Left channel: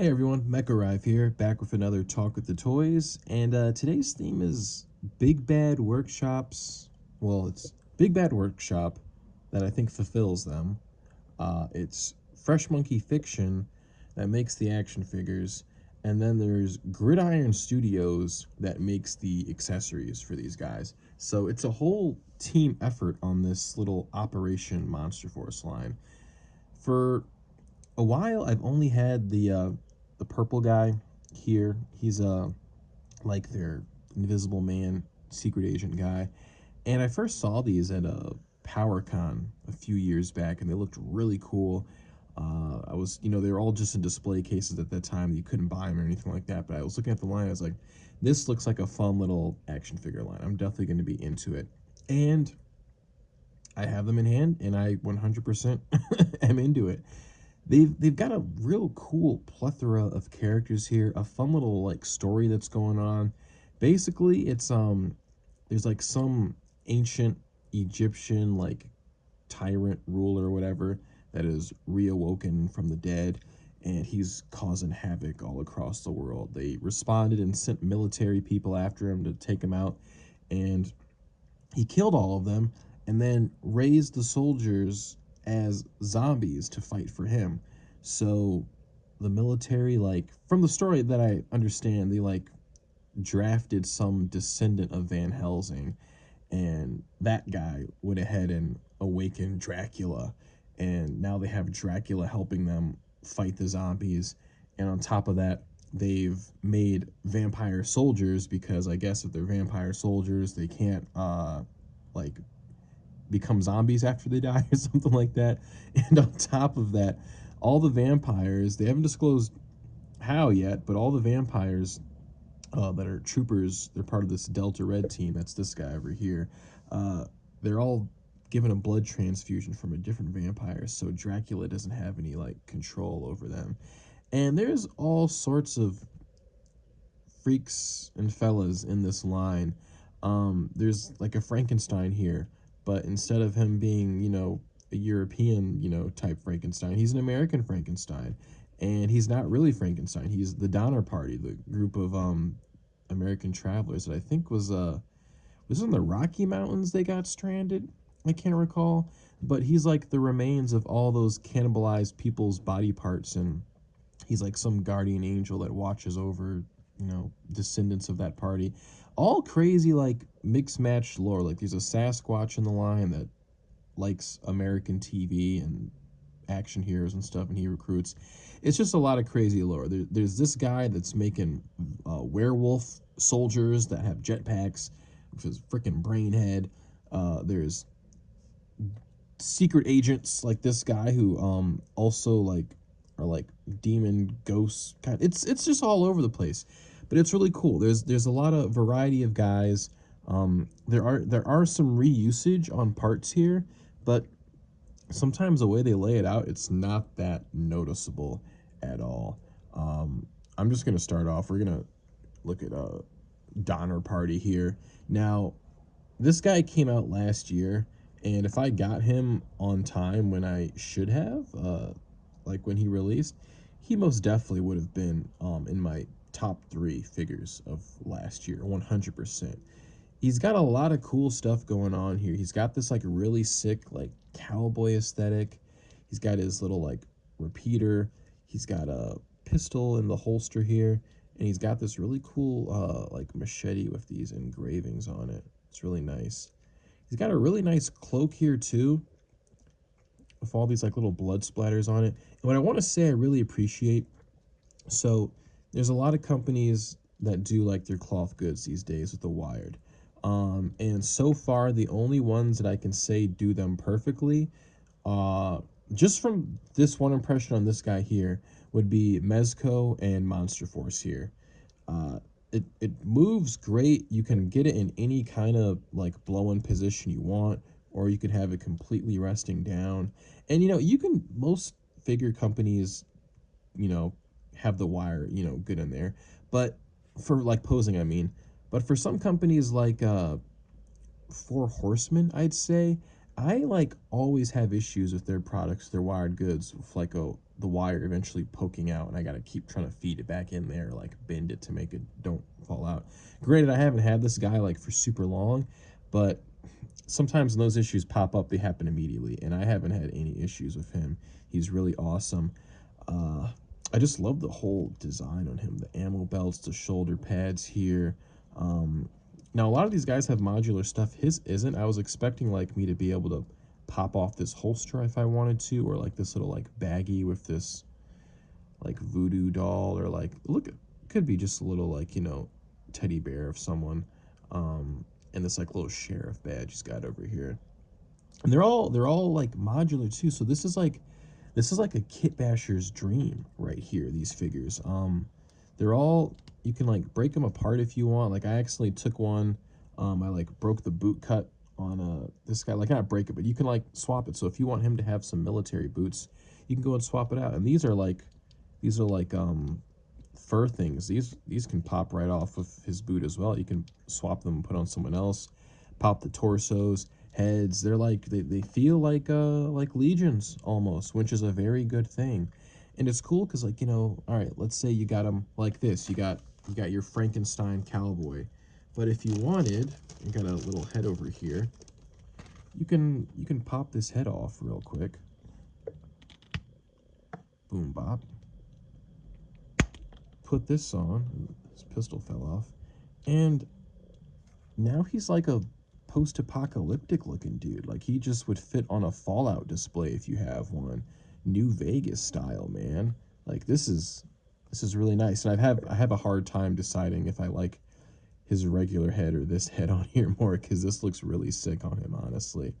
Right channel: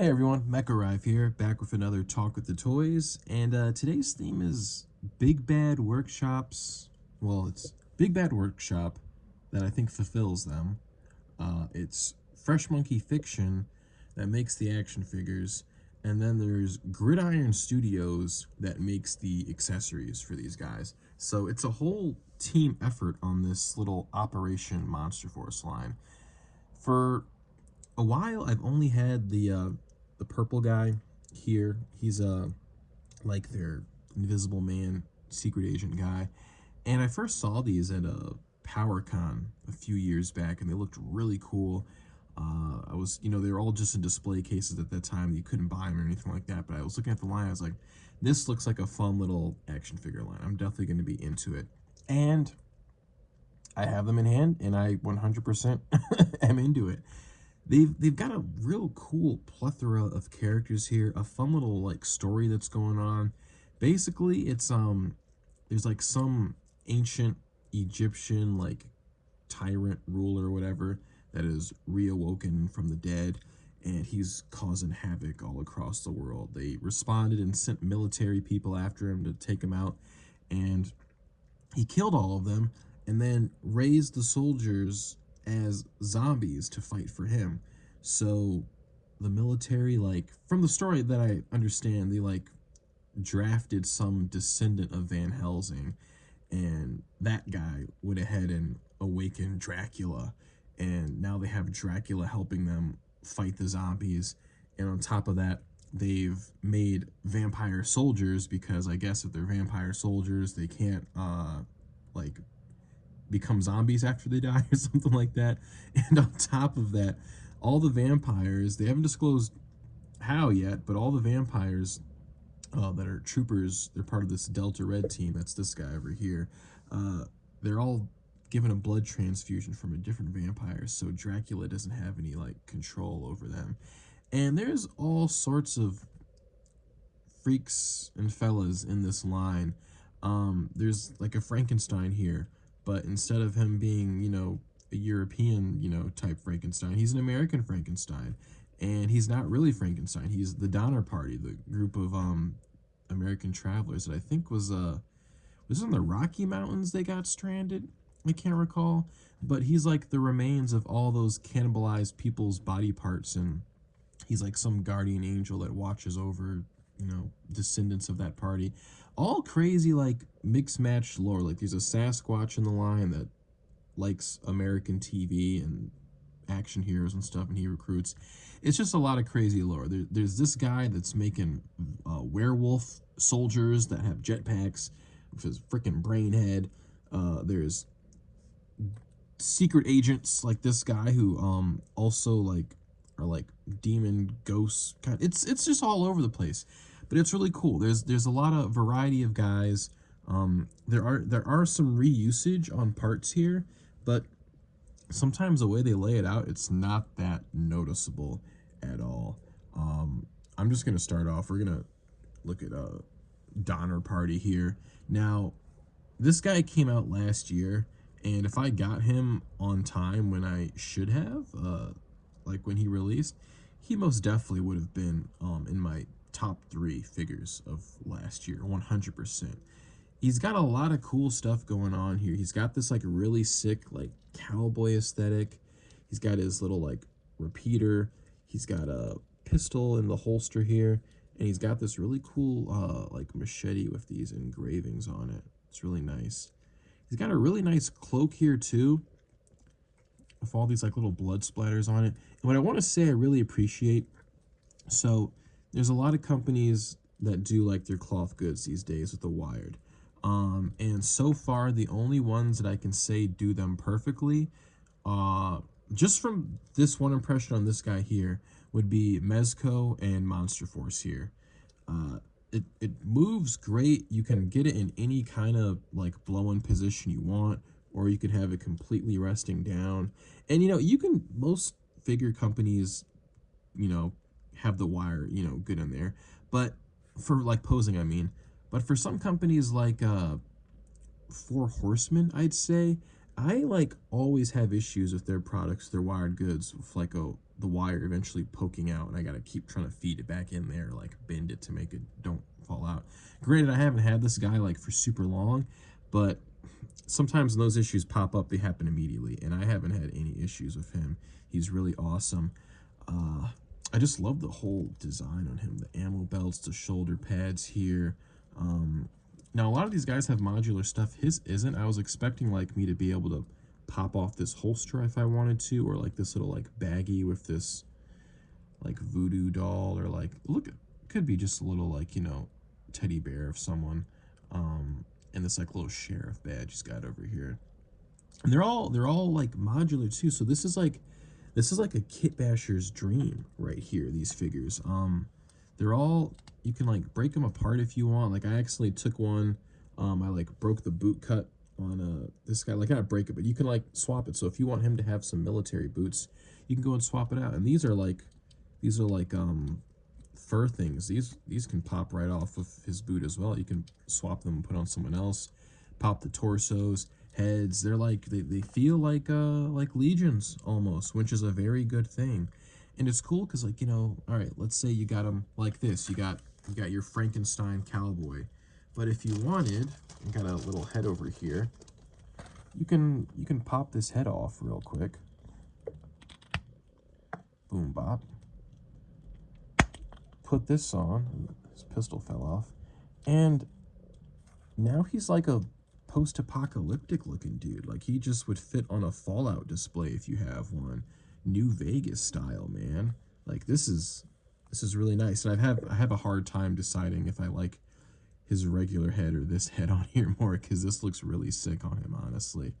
Hey everyone, Mecha Arrive here, back with another Talk with the Toys, and today's theme is Big Bad Workshops. Well, it's Big Bad Workshop that I think fulfills them. It's Fresh Monkey Fiction that makes the action figures, and then there's Gridiron Studios that makes the accessories for these guys. So it's a whole team effort on this little Operation Monster Force line. For a while, I've only had the purple guy here. He's like their Invisible Man secret agent guy, and I first saw these at a PowerCon a few years back, and they looked really cool. I was, they were all just in display cases at that time. You couldn't buy them or anything like that. But I was looking at the line. I was like, this looks like a fun little action figure line. I'm definitely going to be into it. And I have them in hand, and I 100% am into it. They've got a real cool plethora of characters here, a fun little like story that's going on. Basically, it's there's like some ancient Egyptian like tyrant ruler or whatever that is reawoken from the dead, and he's causing havoc all across the world. They responded and sent military people after him to take him out, and he killed all of them and then raised the soldiers as zombies to fight for him. So the military, like, from the story that I understand, they like drafted some descendant of Van Helsing, and that guy went ahead and awakened Dracula, and now they have Dracula helping them fight the zombies. And on top of that, they've made vampire soldiers, because I guess if they're vampire soldiers, they can't like become zombies after they die or something like that. And on top of that, all the vampires, they haven't disclosed how yet, but all the vampires that are troopers, they're part of this Delta Red team. That's this guy over here. Uh, they're all given a blood transfusion from a different vampire, so Dracula doesn't have any like control over them. And there's all sorts of freaks and fellas in this line. There's like a Frankenstein here, but instead of him being, a European, type Frankenstein, he's an American Frankenstein. And he's not really Frankenstein. He's the Donner Party, the group of American travelers that I think was in the Rocky Mountains they got stranded. I can't recall, but he's like the remains of all those cannibalized people's body parts, and he's like some guardian angel that watches over, descendants of that party. All crazy, like mixed match lore. Like there's a Sasquatch in the line that likes American TV and action heroes and stuff, and he recruits. It's just a lot of crazy lore. There's this guy that's making werewolf soldiers that have jetpacks with his freaking brain head. There's secret agents like this guy who also like are like demon ghosts kind. It's just all over the place, but it's really cool. There's a lot of variety of guys. There are some reusage on parts here, but sometimes the way they lay it out, it's not that noticeable at all. I'm just gonna start off. We're gonna look at Donner Party here. Now, this guy came out last year, and if I got him on time when I should have, like when he released, he most definitely would have been in my top three figures of last year, 100%. He's got a lot of cool stuff going on here. He's got this like really sick like cowboy aesthetic. He's got his little like repeater. He's got a pistol in the holster here, and he's got this really cool like machete with these engravings on it. It's really nice. He's got a really nice cloak here too, with all these like little blood splatters on it. And what I want to say I really appreciate, so there's a lot of companies that do like their cloth goods these days with the Wired. And so far, the only ones that I can say do them perfectly, uh, just from this one impression on this guy here, would be Mezco and Monster Force here. It moves great. You can get it in any kind of like blow-in position you want, or you can have it completely resting down. And you can, most figure companies, you know, have the wire, good in there. But for like posing, I mean, but for some companies like Four Horsemen, I'd say, I like always have issues with their products, their wired goods, with like the wire eventually poking out, and I gotta keep trying to feed it back in there, like bend it to make it don't fall out. Granted, I haven't had this guy like for super long, but sometimes when those issues pop up, they happen immediately, and I haven't had any issues with him. He's really awesome. Uh, I just love the whole design on him, the ammo belts, the shoulder pads here. Um, Now, a lot of these guys have modular stuff. His isn't. I was expecting like me to be able to pop off this holster if I wanted to, or like this little like baggie with this like voodoo doll, or like look, it could be just a little like teddy bear of someone, and this like little sheriff badge he's got over here. And they're all like modular too. So this is like a kit basher's dream right here. These figures, they're all, you can like break them apart if you want. Like I accidentally took one, I like broke the boot cut on this guy. Like not break it, but you can like swap it. So if you want him to have some military boots, you can go and swap it out. And these are like fur things. These can pop right off of his boot as well. You can swap them and put on someone else. Pop the torsos, heads. They're like they feel like legions almost, which is a very good thing. And it's cool because like all right, let's say you got them like this. You got your Frankenstein cowboy, but if you wanted, you got a little head over here. You can pop this head off real quick. Boom bop. Put this on. His pistol fell off, and now he's like a post-apocalyptic looking dude. Like he just would fit on a Fallout display if you have one. New Vegas style, man. Like this is really nice. And I have a hard time deciding if I like his regular head or this head on here more, because this looks really sick on him, honestly.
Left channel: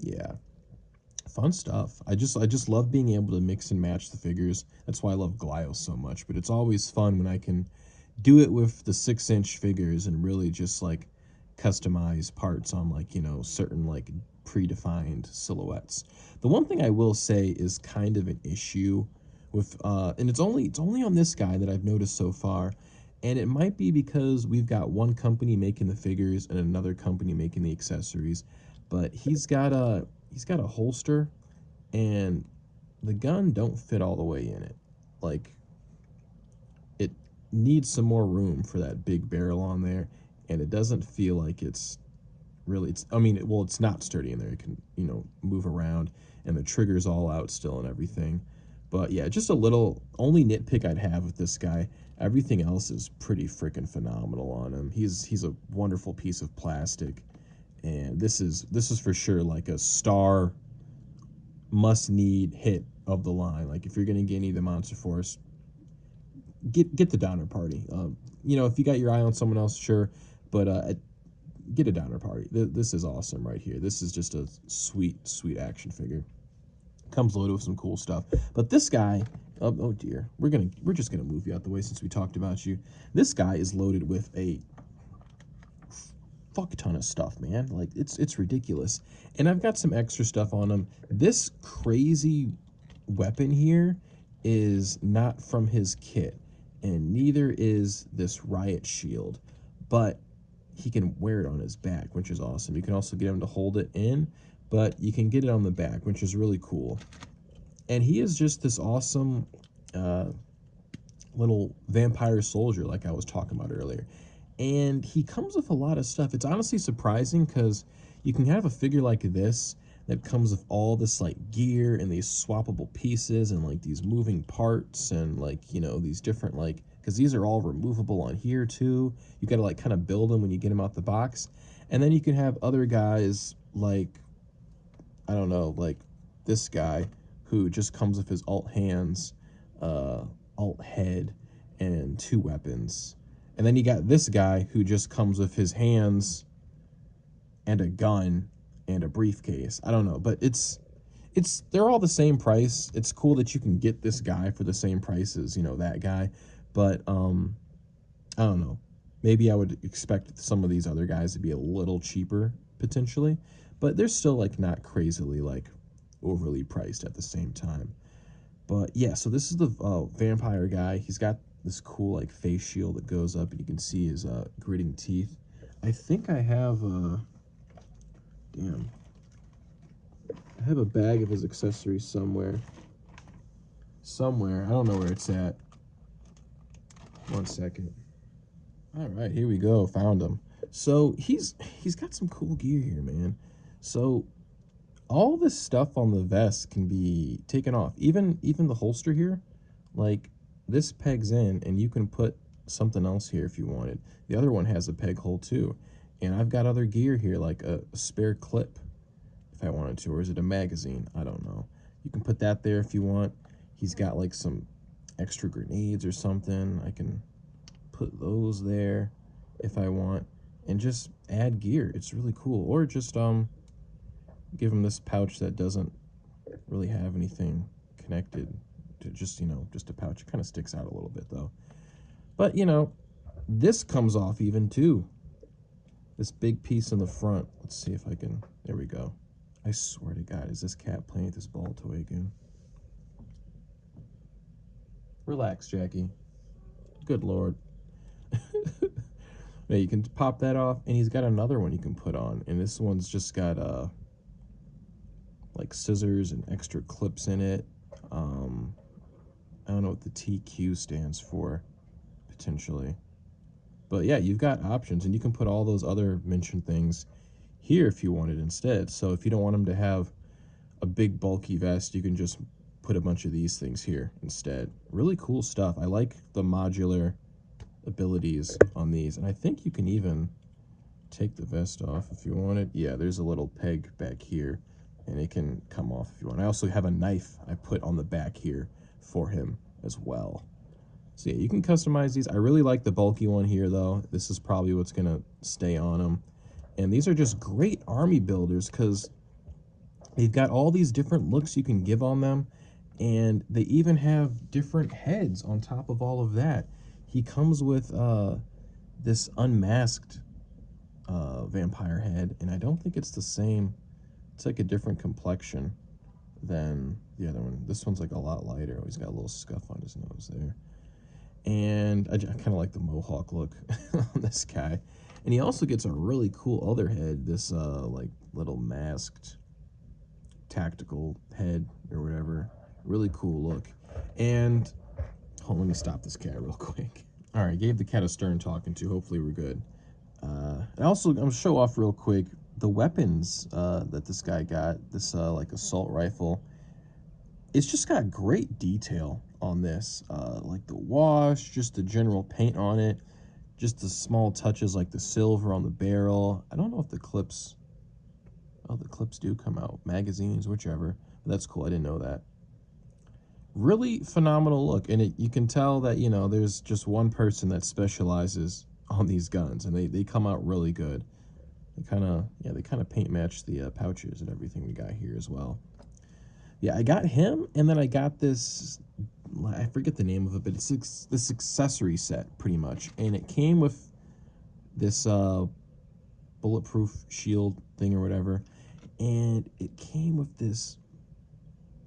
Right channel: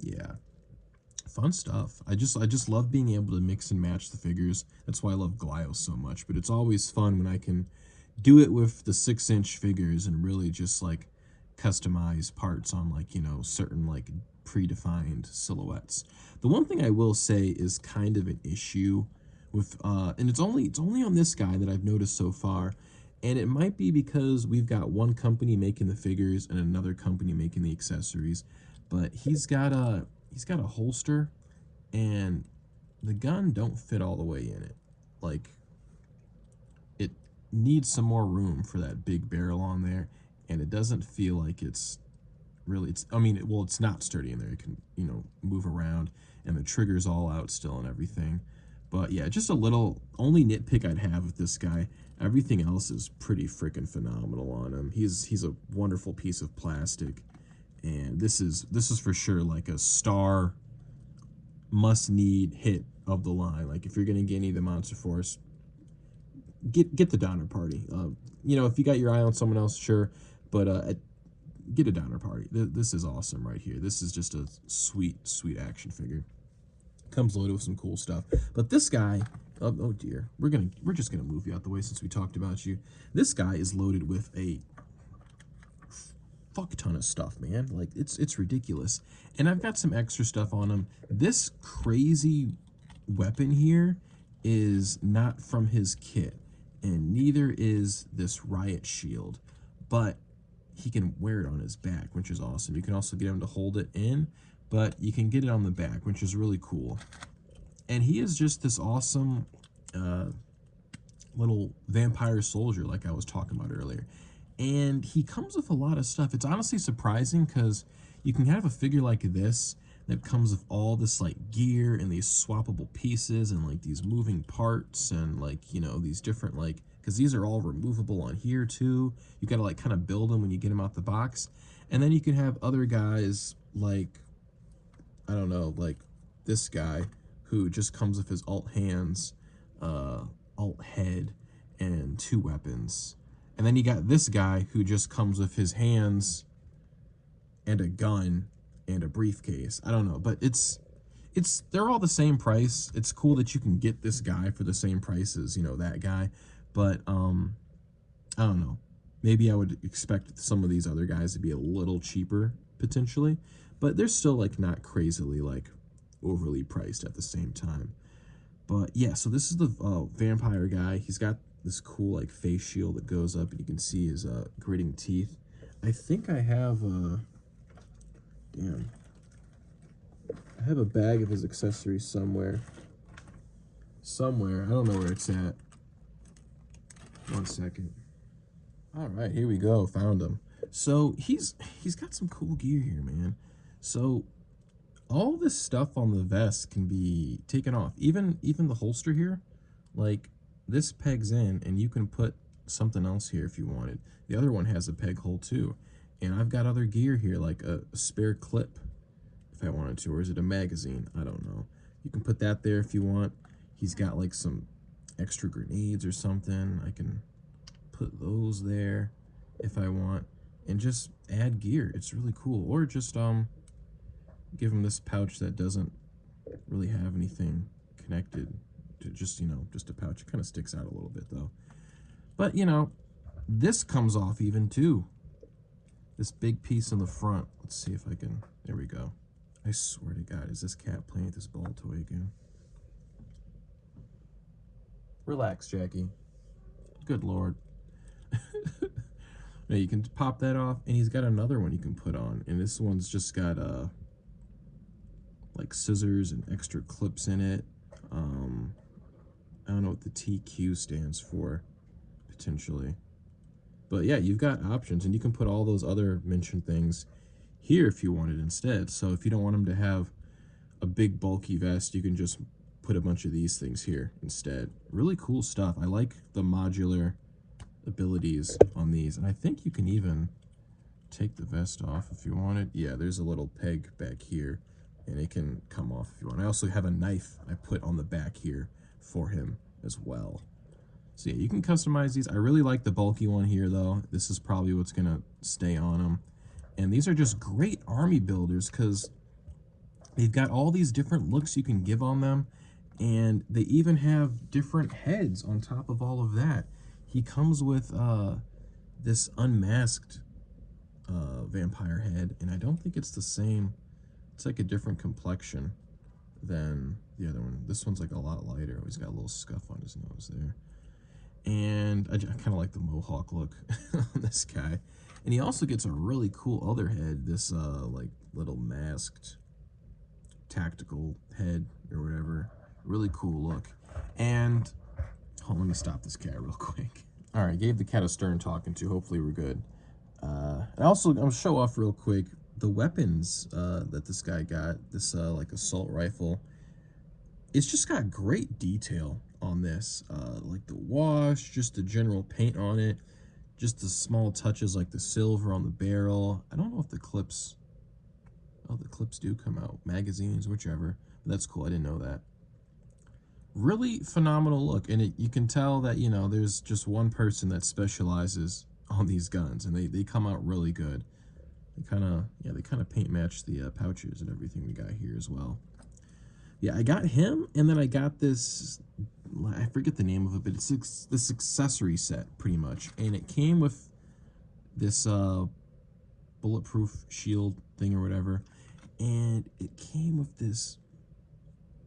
Yeah. Fun stuff. I just love being able to mix and match the figures. That's why I love Glio so much. But it's always fun when I can do it with the 6-inch figures and really just like customize parts on like certain like predefined silhouettes. The one thing I will say is kind of an issue with and it's only on this guy that I've noticed so far, and it might be because we've got one company making the figures and another company making the accessories, but he's got a holster, and the gun don't fit all the way in it. Like it needs some more room for that big barrel on there, and it doesn't feel like it's really, I mean, well, it's not sturdy in there. It can move around, and the trigger's all out still and everything. But yeah, just a little only nitpick I'd have with this guy. Everything else is pretty freaking phenomenal on him. He's a wonderful piece of plastic, and this is for sure like a star must need hit of the line. Like if you're gonna get any of the Monster Force, get the Donner Party. If you got your eye on someone else, sure, but get a Donner Party. This is awesome right here. This is just a sweet, sweet action figure. Comes loaded with some cool stuff. But this guy, oh dear, we're just gonna move you out the way since we talked about you. This guy is loaded with a fuck ton of stuff, man. Like it's ridiculous. And I've got some extra stuff on him. This crazy weapon here is not from his kit, and neither is this riot shield, but he can wear it on his back, which is awesome. You can also get him to hold it in, but you can get it on the back, which is really cool. And he is just this awesome uh, little vampire soldier like I was talking about earlier. And he comes with a lot of stuff. It's honestly surprising because you can have a figure like this that comes with all this like gear and these swappable pieces and like these moving parts and like these different like, because these are all removable on here too. You got to like kind of build them when you get them out the box. And then you can have other guys like, I don't know, like this guy who just comes with his alt hands, alt head, and 2 weapons. And then you got this guy who just comes with his hands and a gun and a briefcase. I don't know, but they're all the same price. It's cool that you can get this guy for the same price as, that guy. But I don't know. Maybe I would expect some of these other guys to be a little cheaper potentially, but they're still like not crazily like overly priced at the same time. But yeah, so this is the vampire guy. He's got this cool like face shield that goes up, and you can see his gritting teeth. I think I have damn. I have a bag of his accessories somewhere. Somewhere. I don't know where it's at. 1 second. All right, here we go. Found him. So he's got some cool gear here, man. So all this stuff on the vest can be taken off. Even the holster here, like this pegs in, and you can put something else here if you wanted. The other one has a peg hole too, and I've got other gear here, like a spare clip if I wanted to, or is it a magazine? I don't know. You can put that there if you want. He's got like some extra grenades or something. I can put those there if I want, and just add gear. It's really cool. Or just give him this pouch that doesn't really have anything connected to, just, just a pouch. It kind of sticks out a little bit though. But this comes off even too. This big piece in the front. Let's see if I can, there we go. I swear to God, is this cat playing with this ball toy again? Relax, Jackie. Good Lord. Now you can pop that off, and he's got another one you can put on, and this one's just got like scissors and extra clips in it. I don't know what the TQ stands for, potentially. But yeah, you've got options, and you can put all those other mentioned things here if you wanted instead. So if you don't want him to have a big bulky vest, you can just put a bunch of these things here instead. Really cool stuff. I like the modular abilities on these, and I think you can even take the vest off if you wanted. Yeah, there's a little peg back here, and it can come off if you want. I also have a knife I put on the back here for him as well. So yeah, you can customize these. I really like the bulky one here though. This is probably what's gonna stay on him. And these are just great army builders because they've got all these different looks you can give on them, and they even have different heads on top of all of that. He comes with this unmasked vampire head, and I don't think it's the same. It's like a different complexion than the other one. This one's like a lot lighter. Oh, he's got a little scuff on his nose there. And I kind of like the mohawk look on this guy. And he also gets a really cool other head, this like little masked tactical head or whatever. Really cool look. And hold on, let me stop this cat real quick. All right, gave the cat a stern talking to. Hopefully we're good. And also, I'm gonna show off real quick the weapons that this guy got. This like assault rifle. It's just got great detail on this, like the wash, just the general paint on it, just the small touches like the silver on the barrel. I don't know if the clips, oh, the clips do come out, magazines, whichever. But that's cool, I didn't know that. Really phenomenal look, and you can tell that, there's just one person that specializes on these guns, and they come out really good. They kind of paint match the pouches and everything we got here as well. Yeah, I got him, and then I got this, I forget the name of it, but it's this accessory set, pretty much. And it came with this bulletproof shield thing or whatever. And it came with this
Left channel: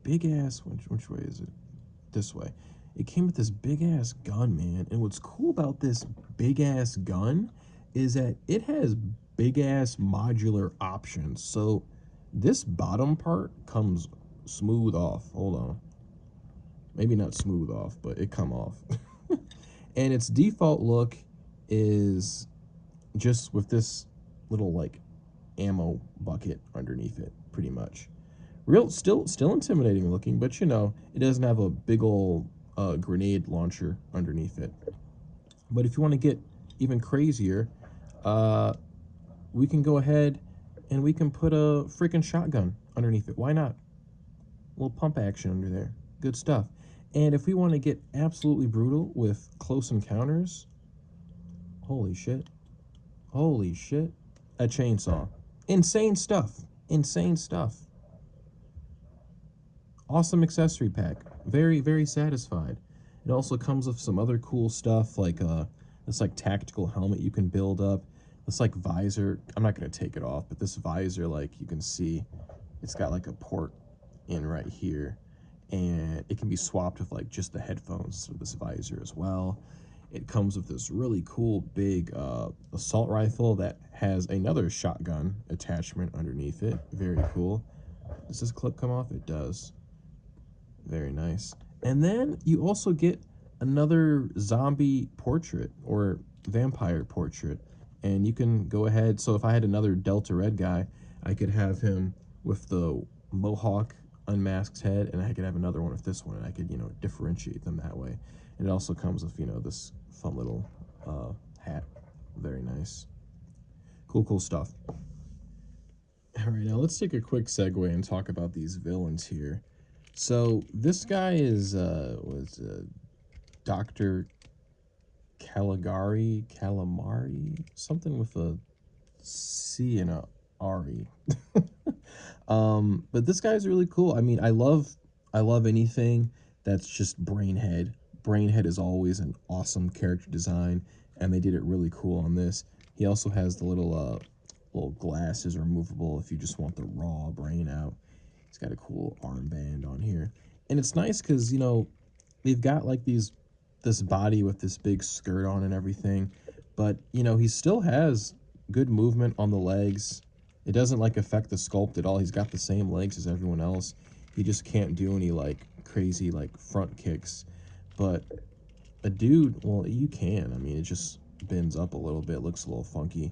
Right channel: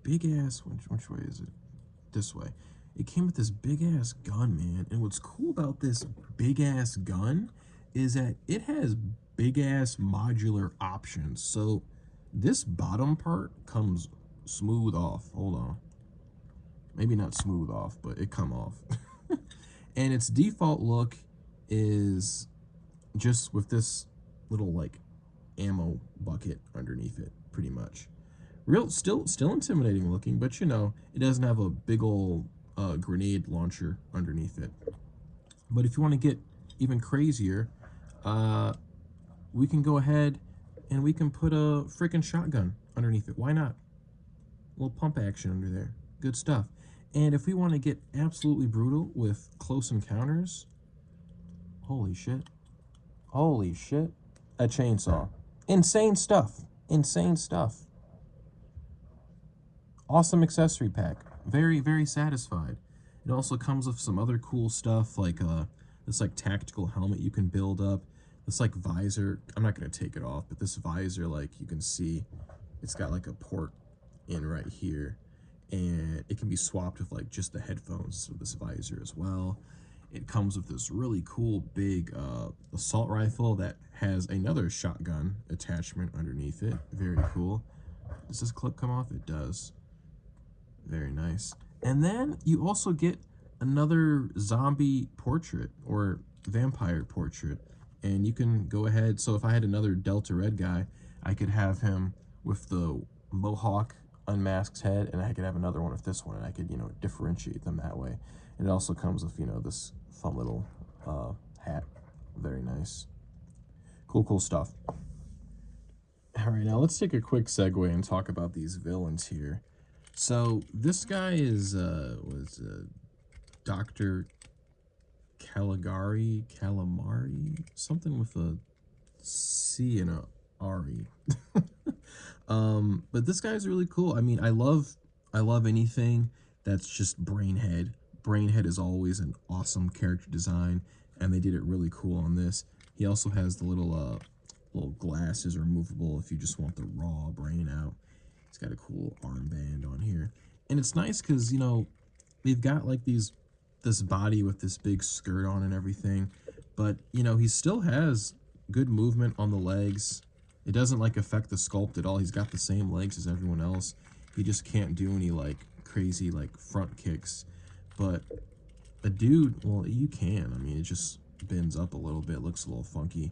big-ass, which way is it? This way. It came with this big-ass gun, man. And what's cool about this big-ass gun is that it has big-ass modular options. So this bottom part comes smooth off. Hold on, maybe not smooth off, but it come off. And its default look is just with this little like ammo bucket underneath it, pretty much. Still intimidating looking, but it doesn't have a big old grenade launcher underneath it. But if you want to get even crazier, we can go ahead and we can put a freaking shotgun underneath it. Why not? A little pump action under there. Good stuff. And if we want to get absolutely brutal with close encounters, holy shit. Holy shit. A chainsaw. Insane stuff. Insane stuff. Awesome accessory pack. Very, very satisfied. It also comes with some other cool stuff, like this like tactical helmet you can build up. This like visor. I'm not going to take it off, but this visor, like you can see, it's got like a port in right here, and it can be swapped with like just the headphones of this visor as well. It comes with this really cool big assault rifle that has another shotgun attachment underneath it. Very cool. Does this clip come off? It does. Very nice. And then you also get another zombie portrait or vampire portrait. And you can go ahead. So if I had another Delta Red guy, I could have him with the mohawk unmasked head, and I could have another one with this one, and I could, differentiate them that way. And it also comes with, this fun little hat. Very nice. Cool stuff. All right, now let's take a quick segue and talk about these villains here. So this guy is was Dr. Calamari, something with a C and a R-E. But this guy's really cool. I mean, I love anything that's just Brainhead. Brainhead is always an awesome character design, and they did it really cool on this. He also has the little glasses removable if you just want the raw brain out. He's got a cool armband on here, and it's nice because they've got like this body with this big skirt on and everything, but he still has good movement on the legs. It doesn't like affect the sculpt at all. He's got the same legs as everyone else. He just can't do any like crazy like front kicks. But a dude, well, you can. I mean, it just bends up a little bit, looks a little funky.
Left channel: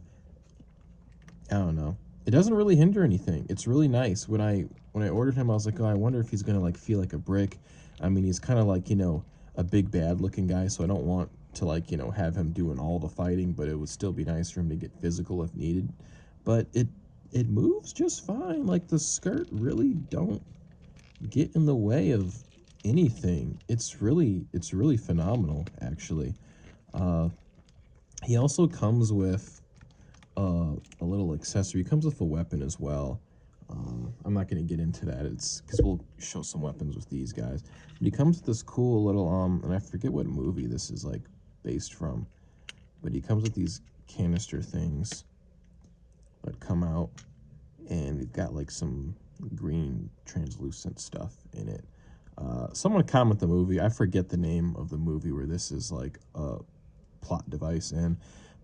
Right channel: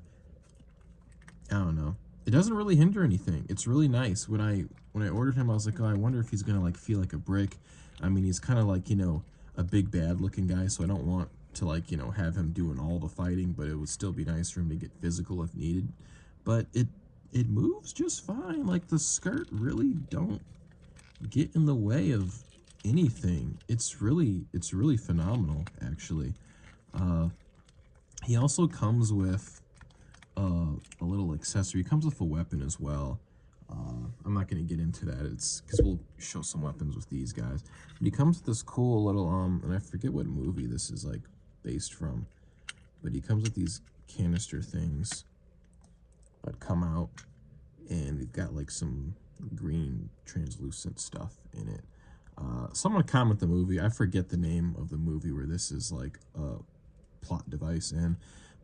I don't know. It doesn't really hinder anything. It's really nice. When I ordered him, I was like, oh, I wonder if he's gonna like feel like a brick. I mean, he's kind of like a big bad looking guy, so I don't want to like have him doing all the fighting, but it would still be nice for him to get physical if needed. But it moves just fine. Like the skirt really don't get in the way of anything. It's really phenomenal actually. Uh, he also comes with a little accessory. He comes with a weapon as well. I'm not going to get into that. It's because we'll show some weapons with these guys. But he comes with this cool little and I forget what movie this is like based from. But he comes with these canister things that come out, and they've got like some green translucent stuff in it. Someone comment the movie. I forget the name of the movie where this is like a plot device in,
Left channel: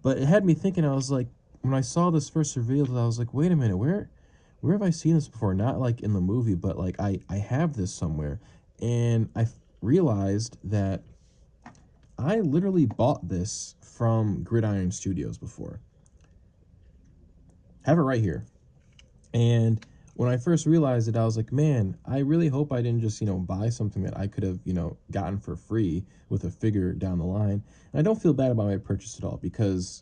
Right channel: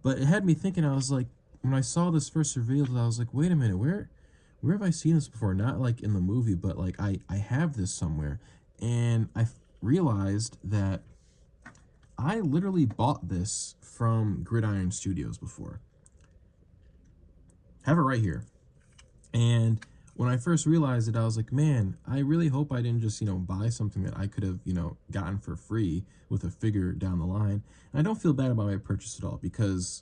but it had me thinking. I was like, when I saw this first revealed, I was like, wait a minute, where have I seen this before? Not like in the movie, but like I have this somewhere, and I realized that I literally bought this from Gridiron Studios before. Have it right here. And when I first realized it, I was like, man, I really hope I didn't just, buy something that I could have, gotten for free with a figure down the line. And I don't feel bad about my purchase at all because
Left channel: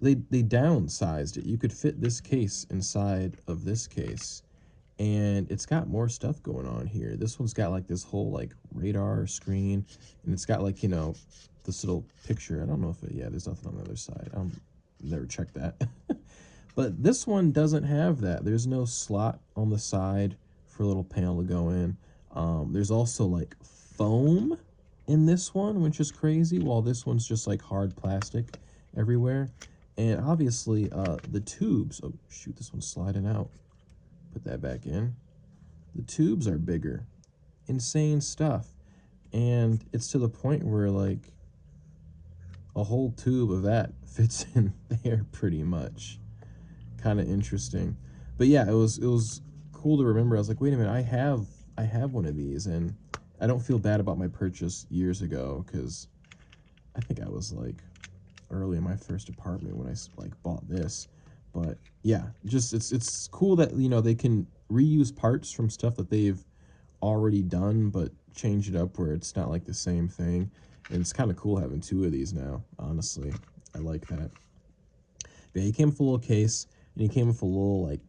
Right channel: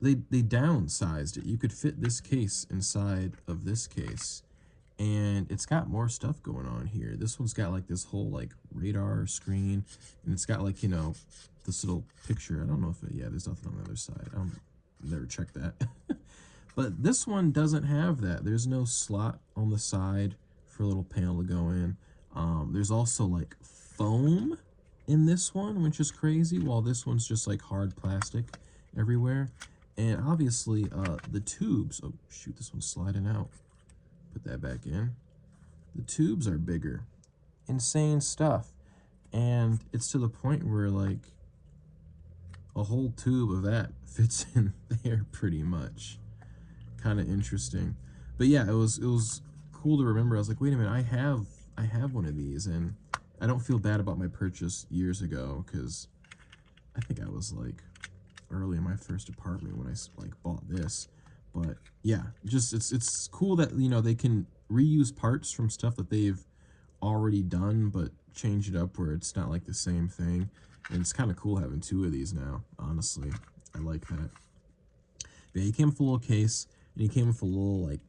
they downsized it. You could fit this case inside of this case, and it's got more stuff going on here. This one's got like this whole like radar screen, and it's got like, this little picture. I don't know if it, yeah, there's nothing on the other side. Never checked that. But this one doesn't have that. There's no slot on the side for a little panel to go in. There's also like foam in this one, which is crazy, while this one's just like hard plastic everywhere. And obviously the tubes, oh shoot, this one's sliding out. Put that back in. The tubes are bigger. Insane stuff. And it's to the point where like a whole tube of that fits in there pretty much. Kind of interesting. But yeah, it was cool to remember. I was like, wait a minute, I have one of these, and I don't feel bad about my purchase years ago because I think I was like early in my first apartment when I like bought this. But yeah, just it's cool that they can reuse parts from stuff that they've already done, but change it up where it's not like the same thing. And it's kind of cool having two of these now. Honestly, I like that. But yeah, he came with a little case, and he came with a little like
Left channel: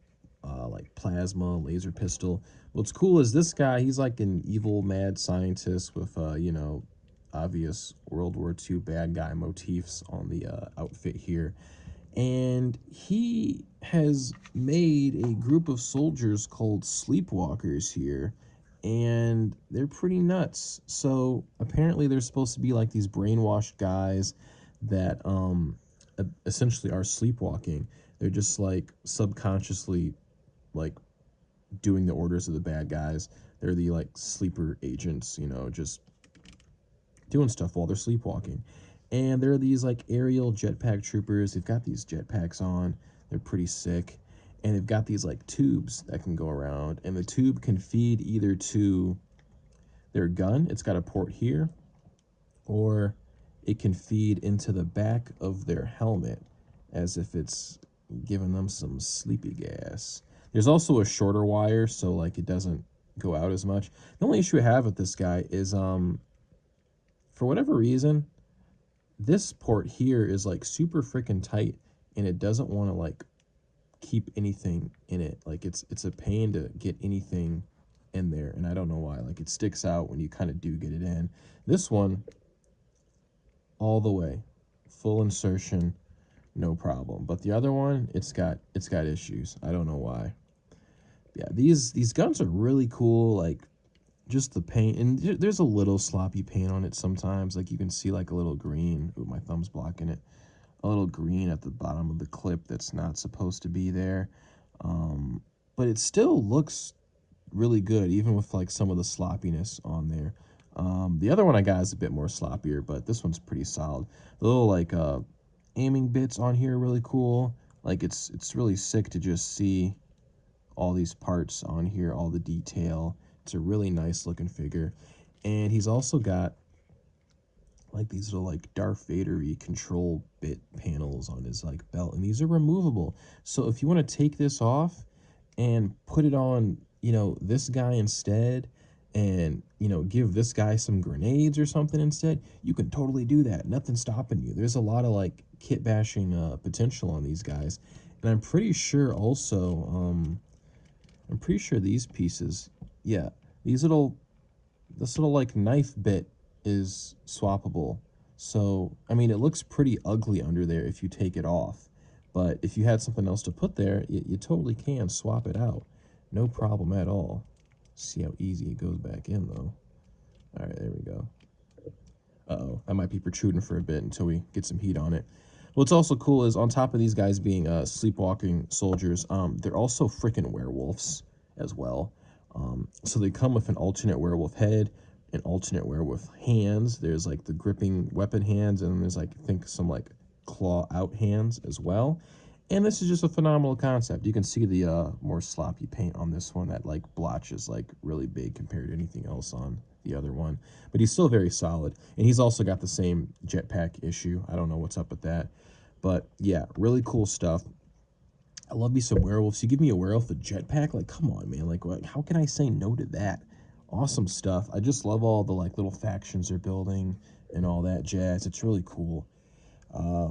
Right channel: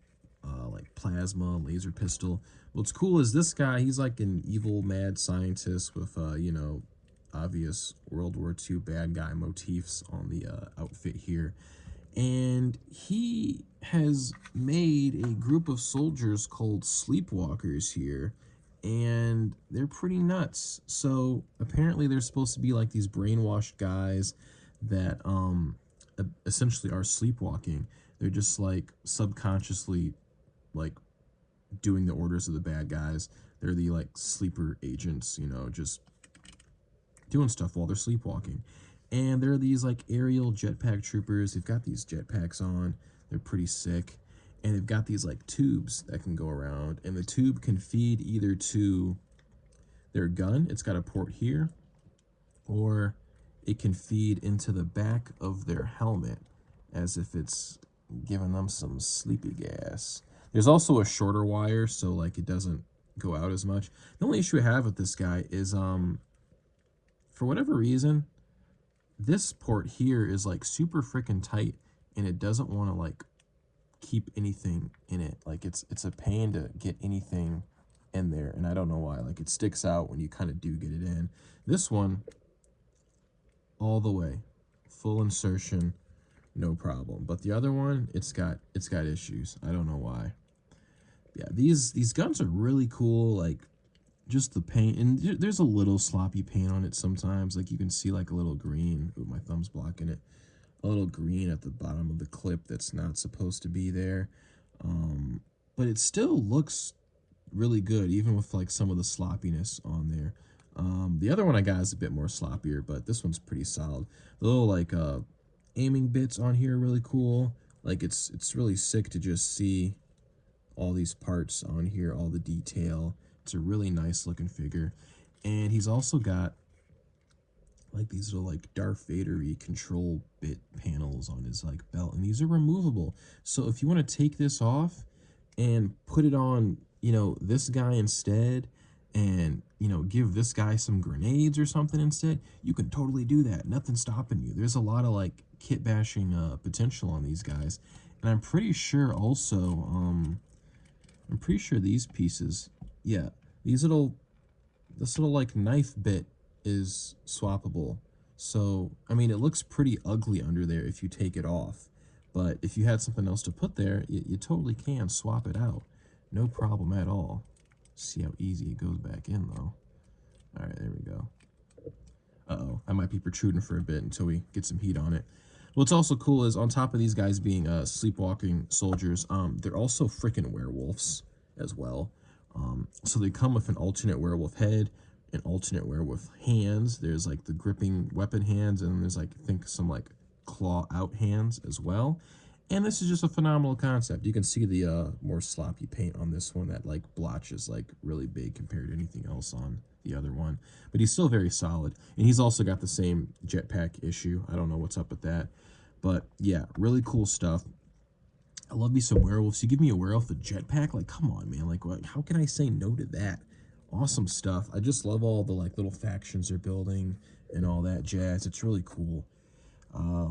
plasma laser pistol. What's cool is this guy. He's like an evil mad scientist with obvious World War II bad guy motifs on the outfit here. And he has made a group of soldiers called Sleepwalkers here, and they're pretty nuts. So apparently they're supposed to be like these brainwashed guys that essentially are sleepwalking. They're just like subconsciously like doing the orders of the bad guys. They're the like sleeper agents, just doing stuff while they're sleepwalking. And there are these like aerial jetpack troopers. They've got these jetpacks on. They're pretty sick. and they've got these like tubes that can go around, and the tube can feed either to their gun, it's got a port here, or it can feed into the back of their helmet as if it's giving them some sleepy gas. There's also a shorter wire, so like it doesn't go out as much. The only issue I have with this guy is for whatever reason, this port here is like super freaking tight, and it doesn't want to like keep anything in it. Like it's a pain to get anything in there, and I don't know why. Like it sticks out when you kind of do get it in. This one, all the way, full insertion, no problem. But the other one, it's got issues. I don't know why. Yeah, these guns are really cool. Like just the paint, and there's a little sloppy paint on it sometimes. Like you can see like a little green. Ooh, my thumb's blocking it. A little green at the bottom of the clip that's not supposed to be there. But it still looks really good, even with like some of the sloppiness on there. The other one I got is a bit more sloppier, but this one's pretty solid. The little like aiming bits on here are really cool. Like it's really sick to just see all these parts on here, all the detail. It's a really nice looking figure. And he's also got like these little like Darth Vader-y control bit panels on his like belt, and these are removable. So if you want to take this off and put it on, you know, this guy instead, and you know, give this guy some grenades or something instead, you can totally do that. Nothing's stopping you. There's a lot of like kit bashing potential on these guys, and I'm pretty sure also I'm pretty sure these pieces, yeah, these little, this little like knife bit is swappable. So I mean, it looks pretty ugly under there if you take it off, but if you had something else to put there, you totally can swap it out, no problem at all. See how easy it goes back in though. All right, there we go. Uh-oh, I might be protruding for a bit until we get some heat on it. What's also cool is on top of these guys being sleepwalking soldiers, they're also freaking werewolves as well. So they come with an alternate werewolf head, an alternate werewolf hands. There's like the gripping weapon hands, and then there's like, I think, some like claw out hands as well. And this is just a phenomenal concept. You can see the more sloppy paint on this one. That like blotch is like really big compared to anything else on the other one. But he's still very solid. And he's also got the same jetpack issue. I don't know what's up with that. But yeah, really cool stuff. I love me some werewolves. You give me a werewolf with jetpack? Like, come on, man. Like, what? How can I say no to that? Awesome stuff. I just love all the like little factions they're building and all that jazz. It's really cool.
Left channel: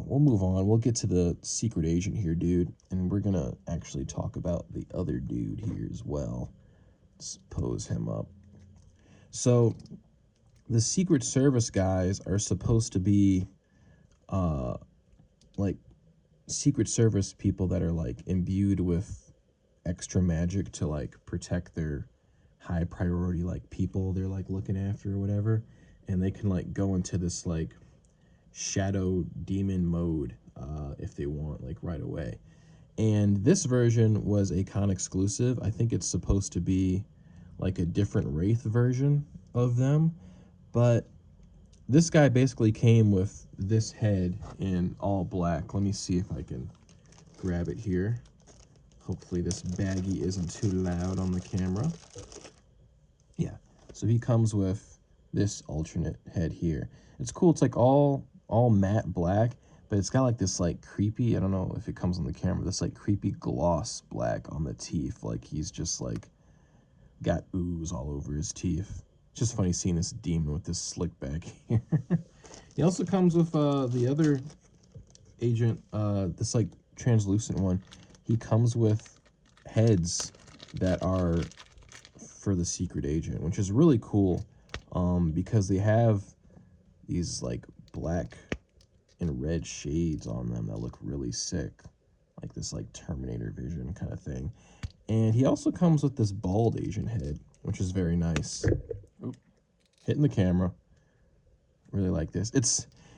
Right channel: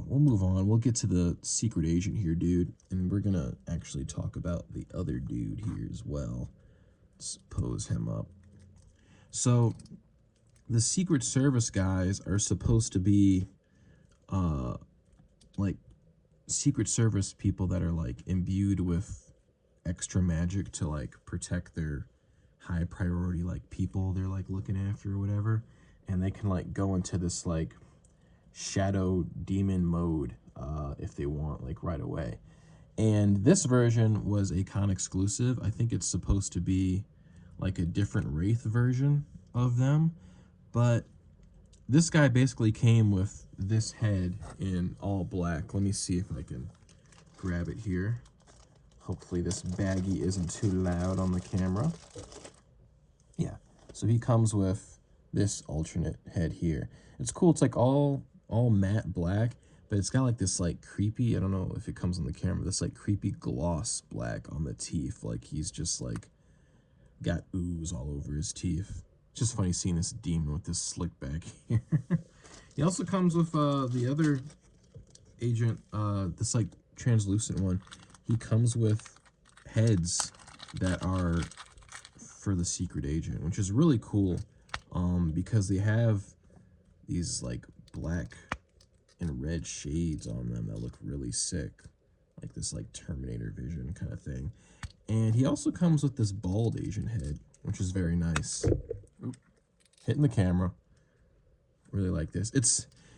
We'll move on. We'll get to the secret agent here, dude, and we're gonna actually talk about the other dude here as well. Let's pose him up. So the Secret Service guys are supposed to be like Secret Service people that are like imbued with extra magic to like protect their high priority like people they're like looking after or whatever, and they can like go into this like shadow demon mode if they want, like right away. And this version was a con exclusive. I think it's supposed to be like a different wraith version of them, but this guy basically came with this head in all black. Let me see if I can grab it here. Hopefully this baggie isn't too loud on the camera. Yeah, so he comes with this alternate head here. It's cool. It's like all matte black, but it's got like this like creepy, I don't know if it comes on the camera, this like creepy gloss black on the teeth. Like he's just like got ooze all over his teeth. It's just funny seeing this demon with this slick back here. He also comes with the other agent, this like translucent one. He comes with heads that are for the secret agent, which is really cool, because they have these like black and red shades on them that look really sick, like this like Terminator vision kind of thing. And he also comes with this bald Asian head, which is very nice. Oop, hitting the camera. Really like this.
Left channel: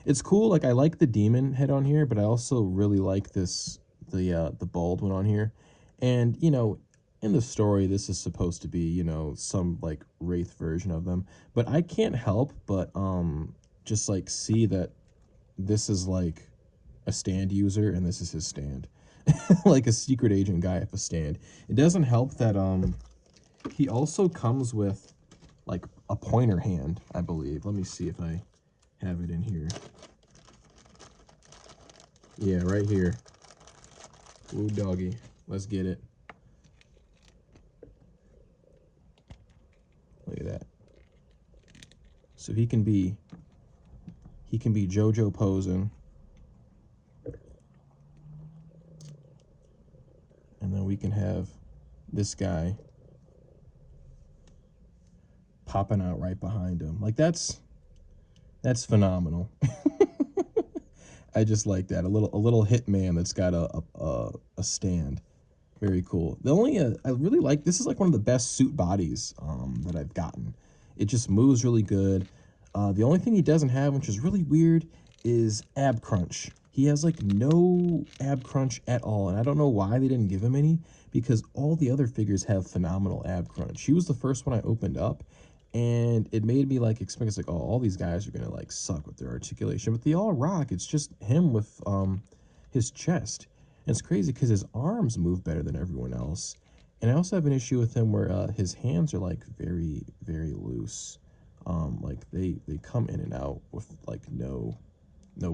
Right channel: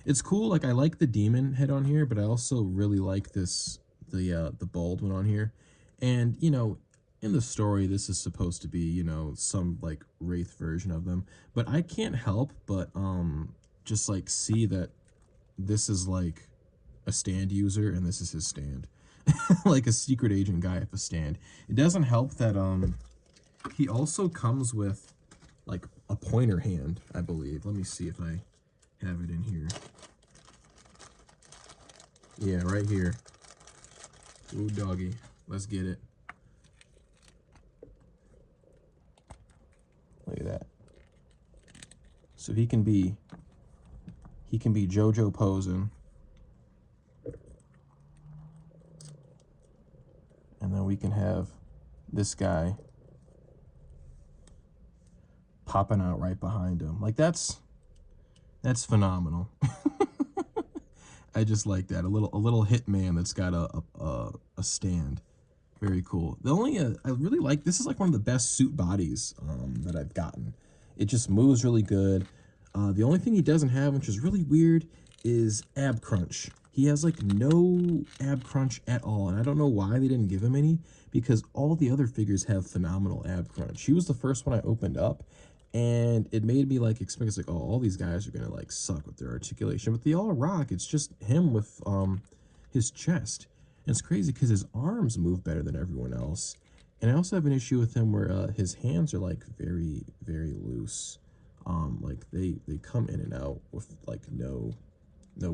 It's cool. Like I like the demon head on here, but I also really like this the bald one on here. And you know, in the story, this is supposed to be, you know, some like wraith version of them. But I can't help but just like see that this is like a stand user and this is his stand. like a secret agent guy at the stand. It doesn't help that he also comes with like a pointer hand, I believe. Let me see if I have it in here. Yeah, right here. Ooh, doggy. Let's get it. Look at that. So he can be JoJo posing. And then we can have this guy popping out right behind him. Like that's phenomenal. I just like that. A little hitman that's got a stand. Very cool. The only I really like, this is like one of the best suit bodies that I've gotten. It just moves really good. The only thing he doesn't have, which is really weird, is ab crunch. He has like no ab crunch at all, and I don't know why they didn't give him any, because all the other figures have phenomenal ab crunch. He was the first one I opened up, and it made me like experience like, oh, all these guys are gonna like suck with their articulation, but they all rock. It's just him with his chest. And it's crazy because his arms move better than everyone else. And I also have an issue with him where his hands are like very, very loose. Like they come in and out with like no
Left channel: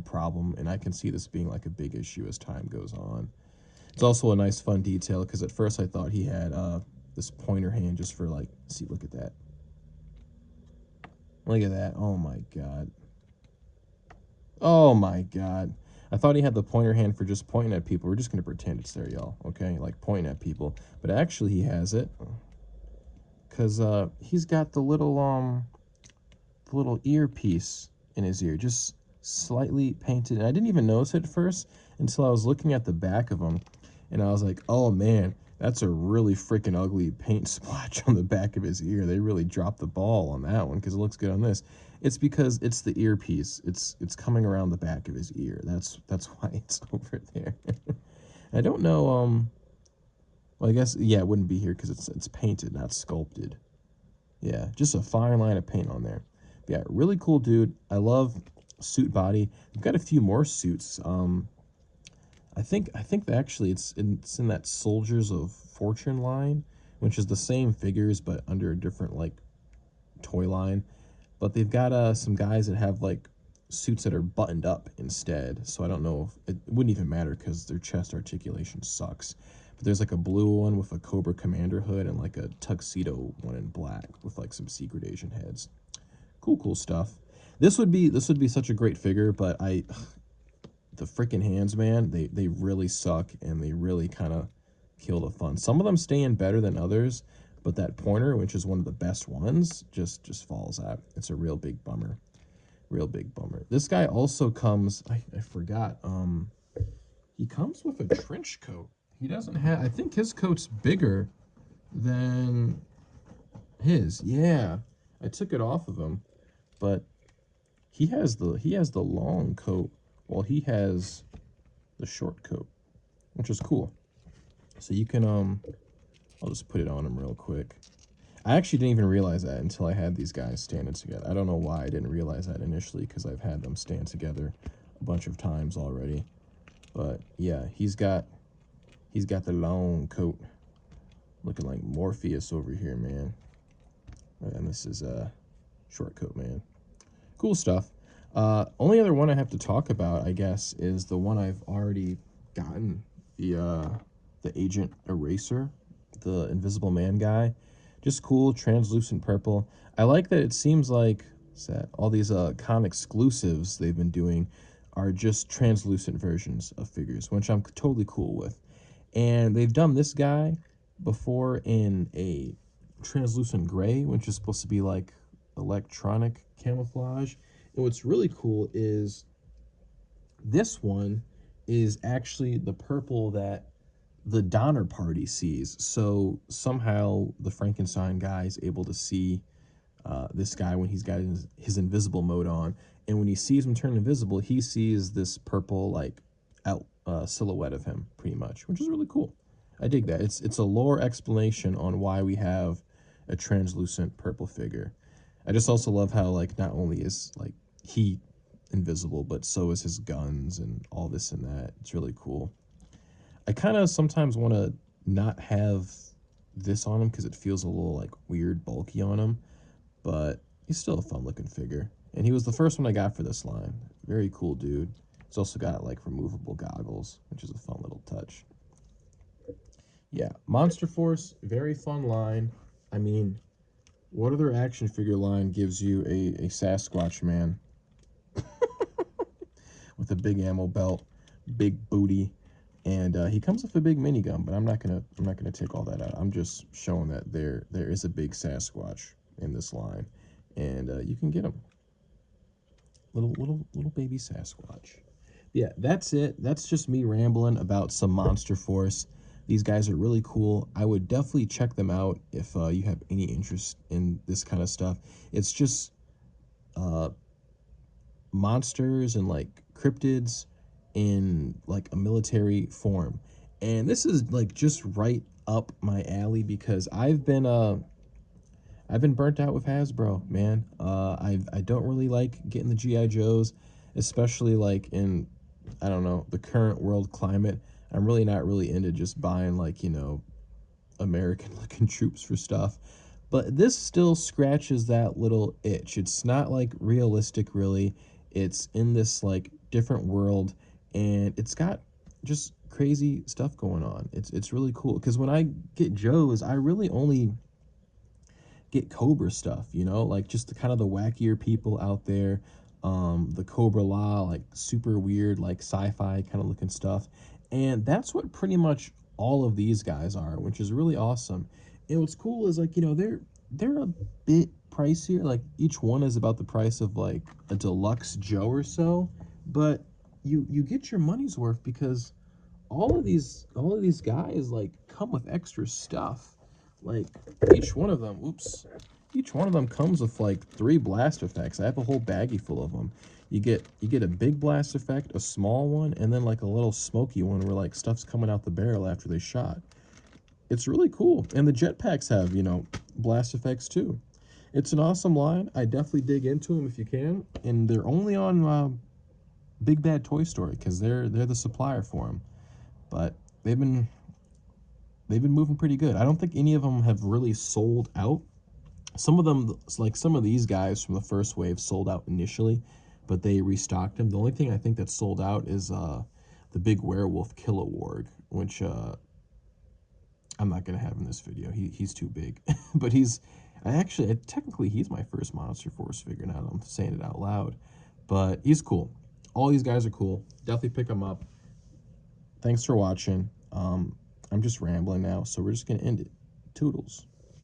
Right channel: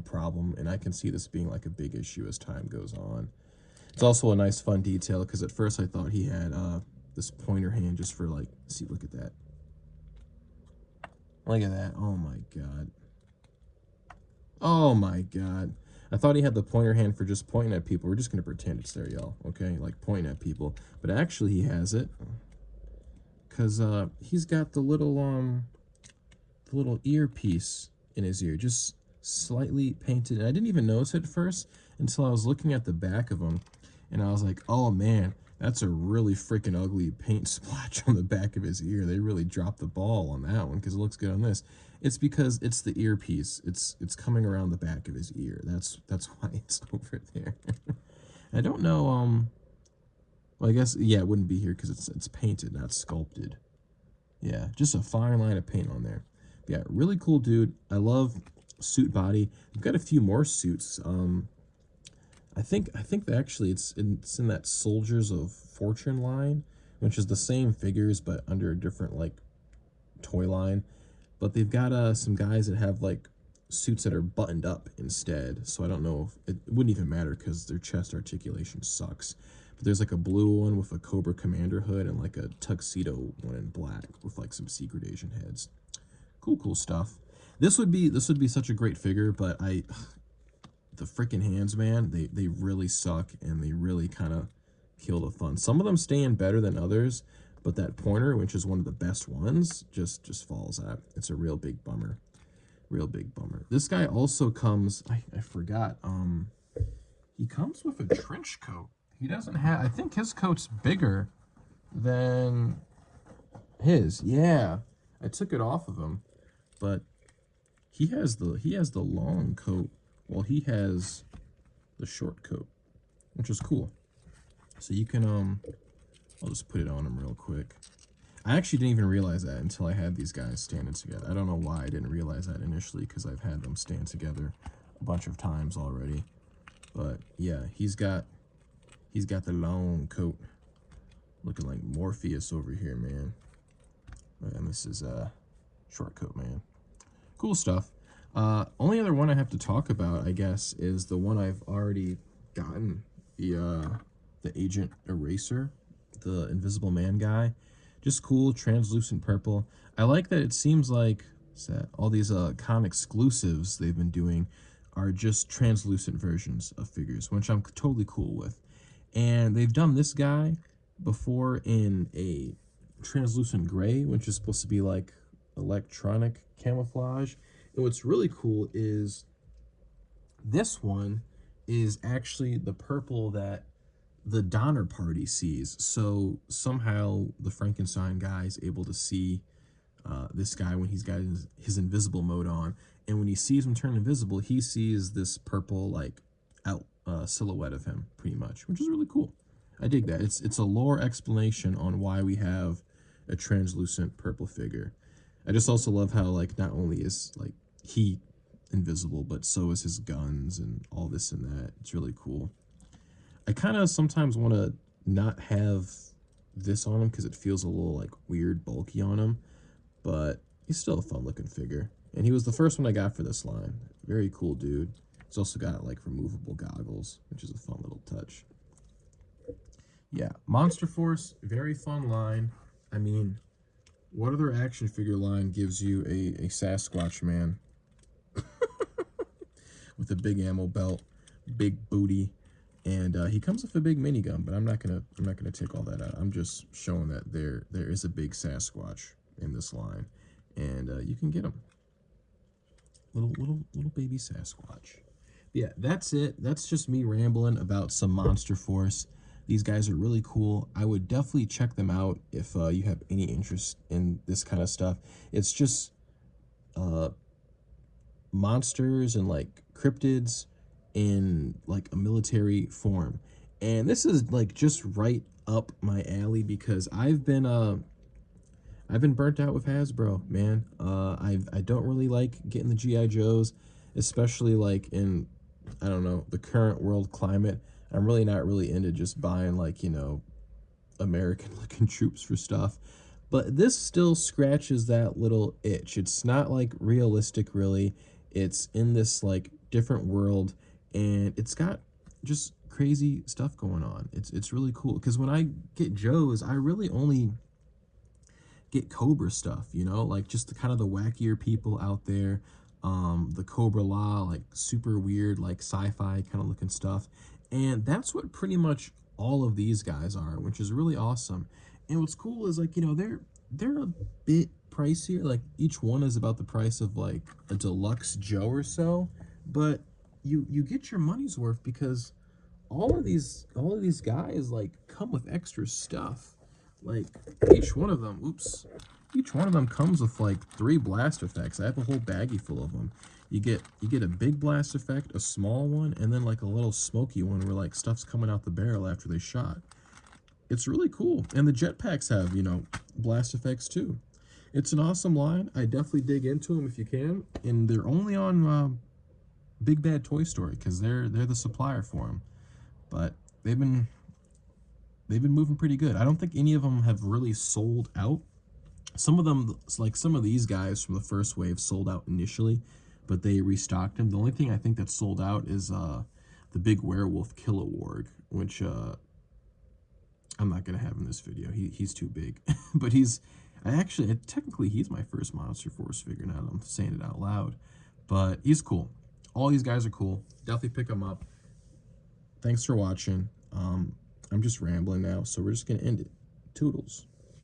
problem. And I can see this being like a big issue as time goes on. It's also a nice fun detail because at first I thought he had this pointer hand just for like, see, look at that. Look at that. Oh my God. Oh my God. I thought he had the pointer hand for just pointing at people. We're just going to pretend it's there, y'all, okay? Like pointing at people. But actually he has it because he's got the little earpiece in his ear, just slightly painted. And I didn't even notice it at first until I was looking at the back of him, and I was like, oh man, that's a really freaking ugly paint splotch on the back of his ear. They really dropped the ball on that one because it looks good on this. It's because it's the earpiece. It's coming around the back of his ear. That's why it's over there. I don't know. Well, I guess yeah, it wouldn't be here because it's painted, not sculpted. Yeah, just a fine line of paint on there. But yeah, really cool dude. I love suit body. I've got a few more suits. I think that actually it's in that Soldiers of Fortune line, which is the same figures but under a different like toy line. But they've got some guys that have like suits that are buttoned up instead. So I don't know if it wouldn't even matter because their chest articulation sucks. But there's like a blue one with a Cobra Commander hood and like a tuxedo one in black with like some secret Asian heads. Cool stuff. This would be such a great figure, but the freaking hands, man, they really suck and they really kind of kill the fun. Some of them stay in better than others, but that pointer, which is one of the best ones, just falls out. It's a real big bummer. Real big bummer. This guy also comes, I forgot, he comes with a trench coat. He doesn't have, I think his coat's bigger than his. Yeah. I took it off of him, but he has the long coat while he has the short coat, which is cool. So you can I'll just put it on him real quick. I actually didn't even realize that until I had these guys standing together. I don't know why I didn't realize that initially because I've had them stand together a bunch of times already. But yeah, he's got the long coat, looking like Morpheus over here, man. And this is a short coat, man. Cool stuff. Only other one I have to talk about, I guess, is the one I've already gotten, the Agent Eraser, the Invisible Man guy. Just cool, translucent purple. I like that it seems like all these con exclusives they've been doing are just translucent versions of figures, which I'm totally cool with. And they've done this guy before in a translucent gray, which is supposed to be like electronic camouflage. And what's really cool is this one is actually the purple that the Donner Party sees. So somehow the Frankenstein guy is able to see this guy when he's got his invisible mode on. And when he sees him turn invisible, he sees this purple like out silhouette of him pretty much, which is really cool. I dig that. It's a lore explanation on why we have a translucent purple figure. I just also love how like not only is like he invisible, but so is his guns and all this and that. It's really cool. I kind of sometimes want to not have this on him because it feels a little like weird bulky on him, but he's still a fun looking figure. And he was the first one I got for this line. Very cool dude. He's also got like removable goggles, which is a fun little touch. Yeah, Monster Force, very fun line. I mean, what other action figure line gives you a Sasquatch man with a big ammo belt, big booty, and he comes with a big minigun? But I'm not gonna take all that out. I'm just showing that there is a big Sasquatch in this line, and you can get him. Little baby Sasquatch. Yeah, that's it. That's just me rambling about some Monster Force. These guys are really cool. I would definitely check them out if you have any interest in this kind of stuff. It's just uh, monsters and like cryptids in like a military form. And this is like just right up my alley because I've been burnt out with Hasbro, man. I don't really like getting the GI Joes, especially like in, I don't know, the current world climate. I'm really not really into just buying like, you know, American looking troops for stuff. But this still scratches that little itch. It's not like realistic really. It's in this like different world, and it's got just crazy stuff going on. It's really cool because when I get Joes, I really only get Cobra stuff, you know, like just the kind of the wackier people out there. The Cobra Law, like super weird, like sci-fi kind of looking stuff. And that's what pretty much all of these guys are, which is really awesome. And what's cool is like, you know, they're a bit pricier. Like each one is about the price of like a deluxe Joe or so, but you get your money's worth because all of these guys like come with extra stuff. Like each one of them, whoops, each one of them comes with like 3 blast effects. I have a whole baggie full of them. You get a big blast effect, a small one, and then like a little smoky one where like stuff's coming out the barrel after they shot. It's really cool. And the jetpacks have, you know, blast effects too. It's an awesome line. I definitely dig into them if you can. And they're only on Big Bad Toy Story because they're the supplier for them. But they've been they've been moving pretty good. I don't think any of them have really sold out. Some of them, like some of these guys from the first wave, sold out initially, but they restocked them. The only thing I think that's sold out is the big werewolf Kilowog, which I'm not gonna have in this video. He's too big, but technically he's my first Monster Force figure. Now I'm saying it out loud, but he's cool. All these guys are cool. Definitely pick them up. Thanks for watching. I'm just rambling now, so we're just gonna end it. Toodles.